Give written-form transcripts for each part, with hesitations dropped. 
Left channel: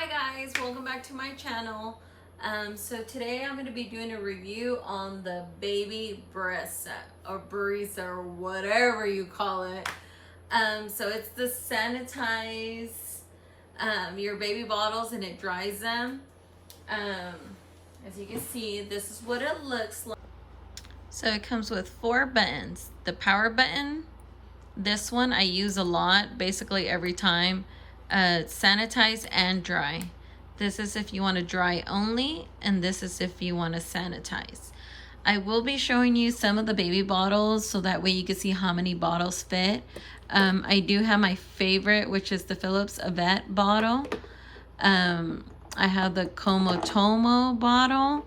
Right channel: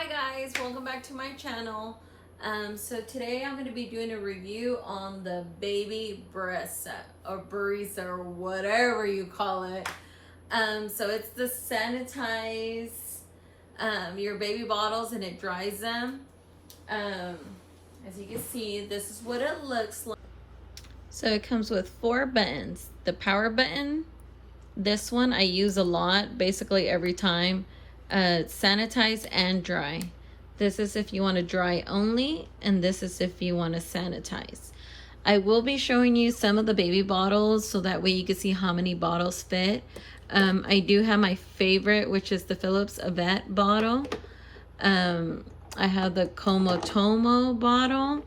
Hi guys, welcome back to my channel. So today I'm going to be doing a review on the baby Brezza or Brezza or whatever you call it. So it's the sanitize your baby bottles and it dries them. As you can see, this is what it looks like. So it comes with 4 buttons. The power button, this one I use a lot, basically every time. Sanitize and dry. This is if you want to dry only, and this is if you want to sanitize. I will be showing you some of the baby bottles so that way you can see how many bottles fit. I do have my favorite, which is the Philips Avette bottle. I have the Komotomo bottle.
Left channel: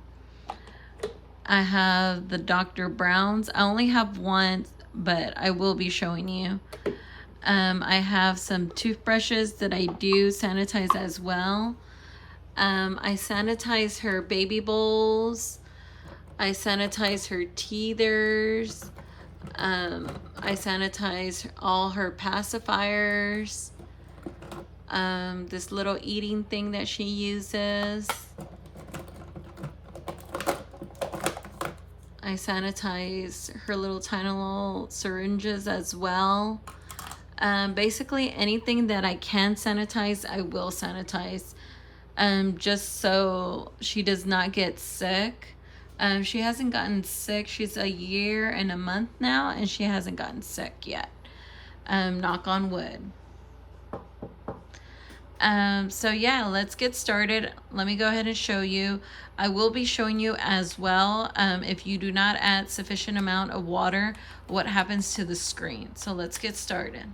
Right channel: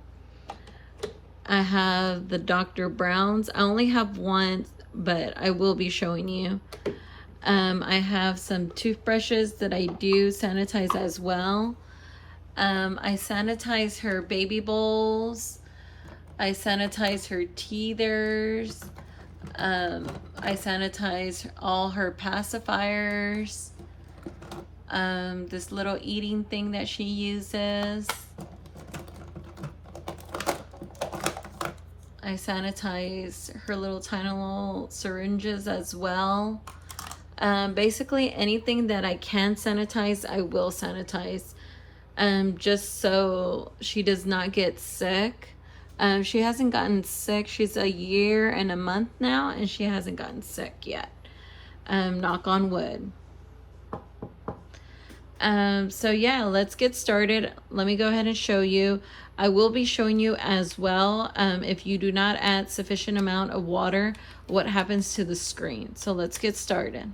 I have the Dr. Brown's. I only have one, but I will be showing you. I have some toothbrushes that I do sanitize as well. I sanitize her baby bowls. I sanitize her teethers. I sanitize all her pacifiers. This little eating thing that she uses. I sanitize her little tiny little syringes as well. Basically anything that I can sanitize, I will sanitize, just so she does not get sick. She hasn't gotten sick. She's a year and a month now, and she hasn't gotten sick yet. Knock on wood. So yeah, let's get started. Let me go ahead and show you. I will be showing you as well, if you do not add sufficient amount of water, what happens to the screen. So let's get started.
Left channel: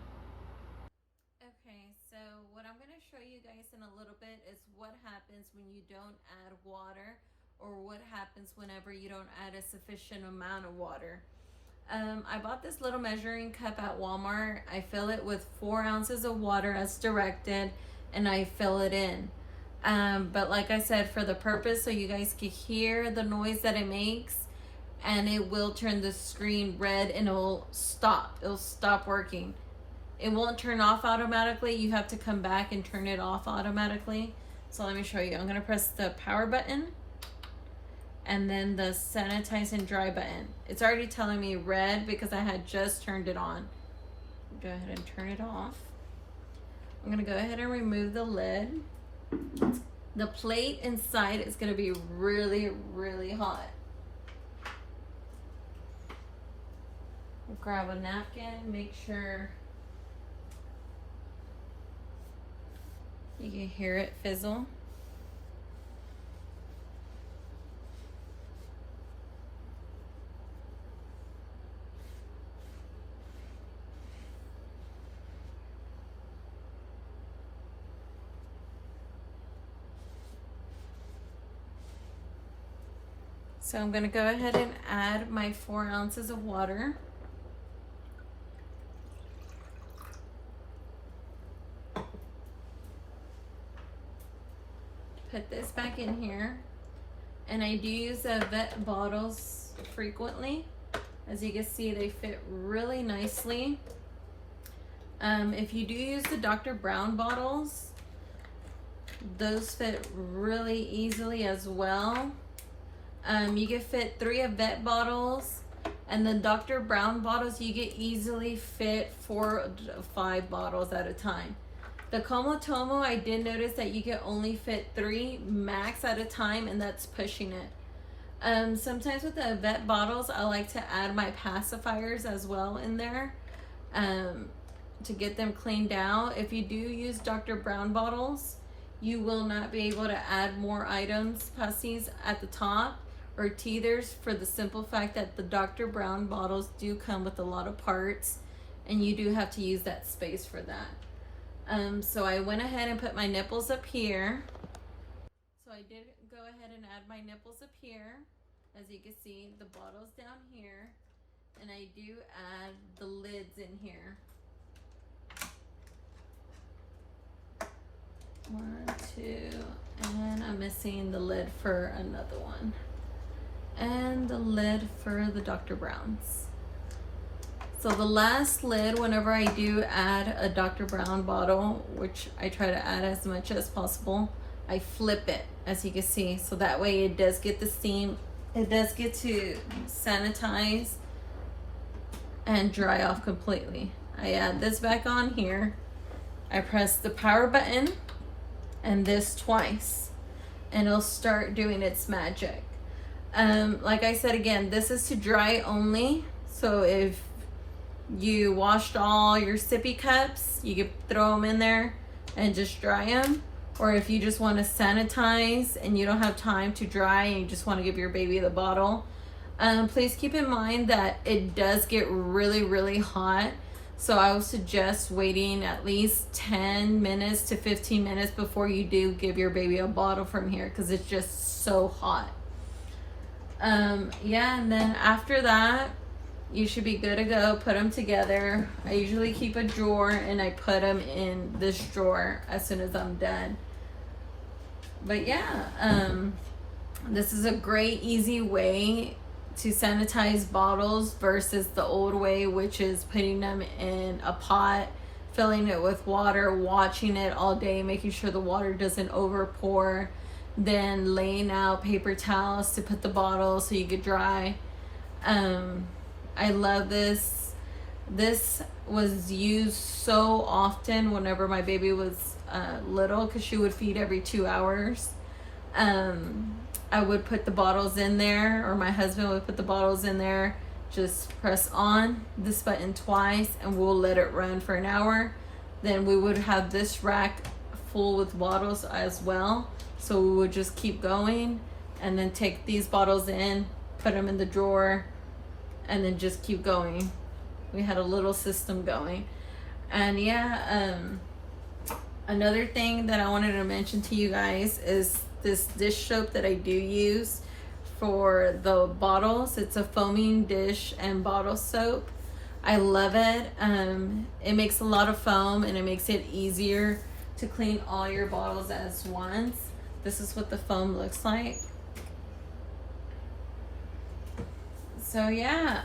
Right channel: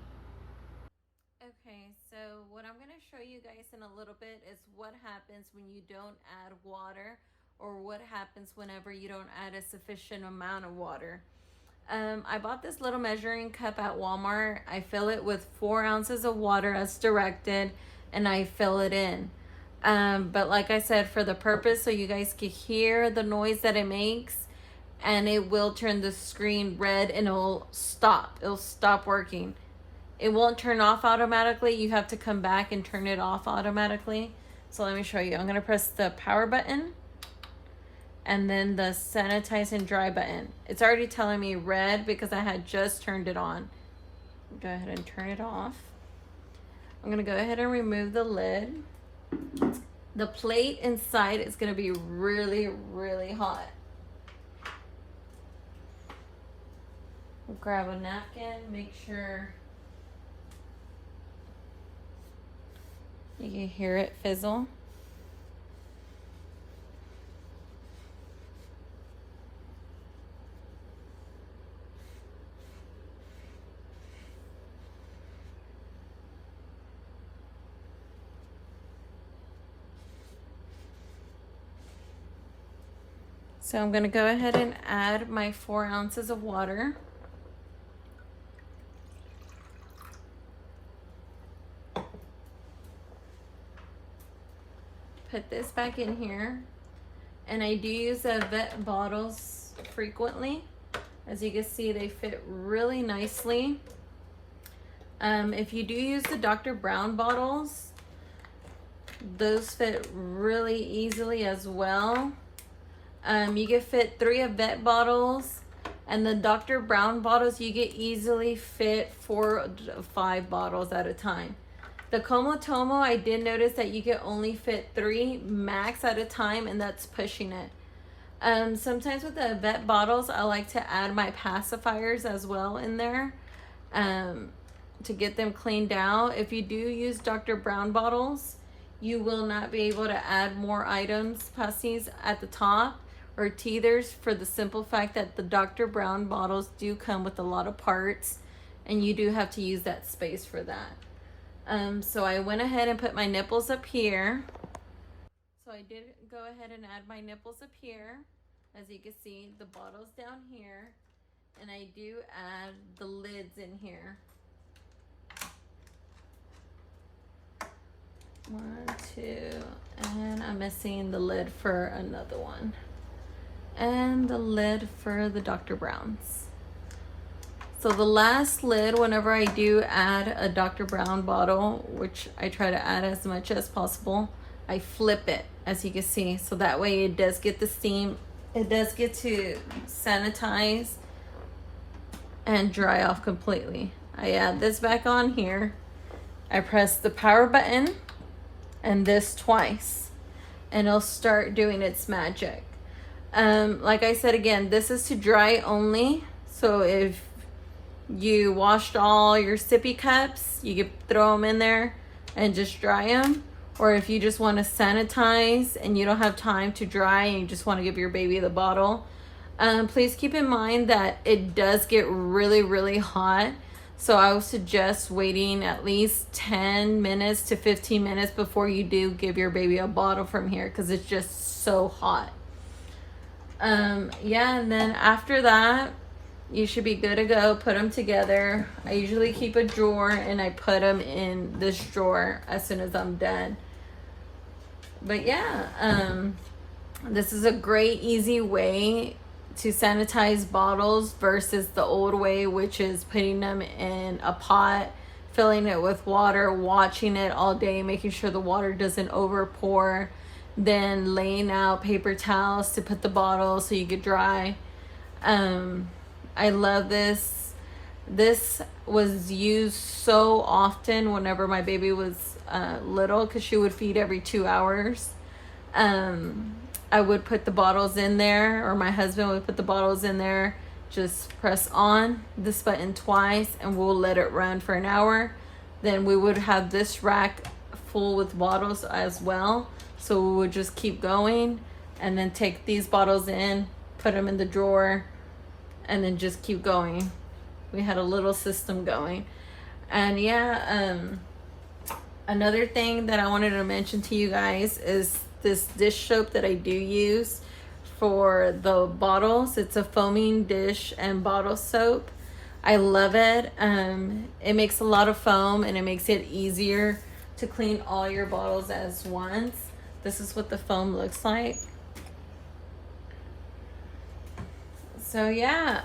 Okay, so what I'm going to show you guys in a little bit is what happens when you don't add water, or what happens whenever you don't add a sufficient amount of water. I bought this little measuring cup at Walmart. I fill it with 4 ounces of water as directed, and I fill it in. But like I said, for the purpose so you guys can hear the noise that it makes, and it will turn the screen red and it'll stop working. It won't turn off automatically. You have to come back and turn it off automatically. So let me show you. I'm going to press the power button and then the sanitize and dry button. It's already telling me red because I had just turned it on. Go ahead and turn it off. I'm going to go ahead and remove the lid. The plate inside is going to be really, really hot. Grab a napkin, make sure you can hear it fizzle. So I'm going to go ahead and add my 4 ounces of water. Put this back in here. And I do use the Avette bottles frequently. As you can see, they fit really nicely. If you do use the Dr. Brown bottles, those fit really easily as well. You can fit 3 Avette bottles, and the Dr. Brown bottles you get easily fit 4 to 5 bottles at a time. The Komotomo, I did notice that you can only fit 3 max at a time, and that's pushing it. Sometimes with the Avette bottles, I like to add my pacifiers as well in there to get them cleaned out. If you do use Dr. Brown bottles, you will not be able to add more items, pasties, at the top or teethers, for the simple fact that the Dr. Brown bottles do come with a lot of parts, and you do have to use that space for that. So I went ahead and put my nipples up here. So I did go ahead and add my nipples up here. As you can see, the bottle's down here, and I do add the lids in here. 1, 2, and I'm missing the lid for another one. And the lid for the Dr. Brown's. So the last lid, whenever I do add a Dr. Brown bottle, which I try to add as much as possible, I flip it, as you can see, so that way it does get the steam. It does get to sanitize and dry off completely. I add this back on here. I press the power button and this twice, and it'll start doing its magic. Like I said again, this is to dry only. So if you washed all your sippy cups, you can throw them in there and just dry them. Or if you just want to sanitize and you don't have time to dry and you just want to give your baby the bottle, please keep in mind that it does get really, really hot. So I would suggest waiting at least 10 minutes to 15 minutes before you do give your baby a bottle from here, because it's just so hot. Yeah, and then after that, you should be good to go. Put them together. I usually keep a drawer and I put them in this drawer as soon as I'm done. But yeah, this is a great, easy way to sanitize bottles versus the old way, which is putting them in a pot, filling it with water, watching it all day, making sure the water doesn't over pour, then laying out paper towels to put the bottle so you get dry. I love this. This was used so often whenever my baby was little, because she would feed every 2 hours. I would put the bottles in there, or my husband would put the bottles in there. Just press on this button twice and we'll let it run for an hour. Then we would have this rack full with bottles as well. So we would just keep going and then take these bottles in, put them in the drawer, and then just keep going. We had a little system going. And yeah, another thing that I wanted to mention to you guys is this dish soap that I do use for the bottles. It's a foaming dish and bottle soap. I love it. It makes a lot of foam and it makes it easier to clean all your bottles as once. This is what the foam looks like. So yeah,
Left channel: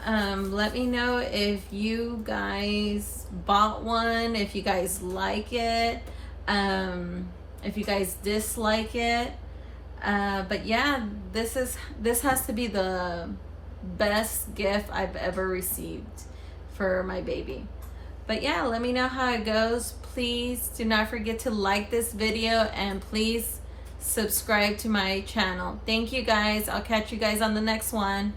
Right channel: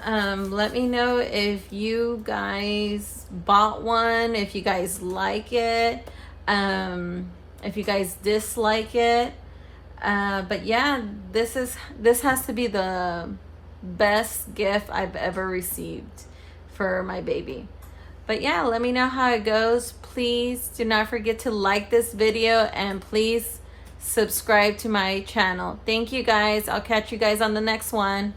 let me know if you guys bought one, if you guys like it, if you guys dislike it. But yeah, this has to be the best gift I've ever received for my baby. But yeah, let me know how it goes. Please do not forget to like this video and please subscribe to my channel. Thank you guys. I'll catch you guys on the next one.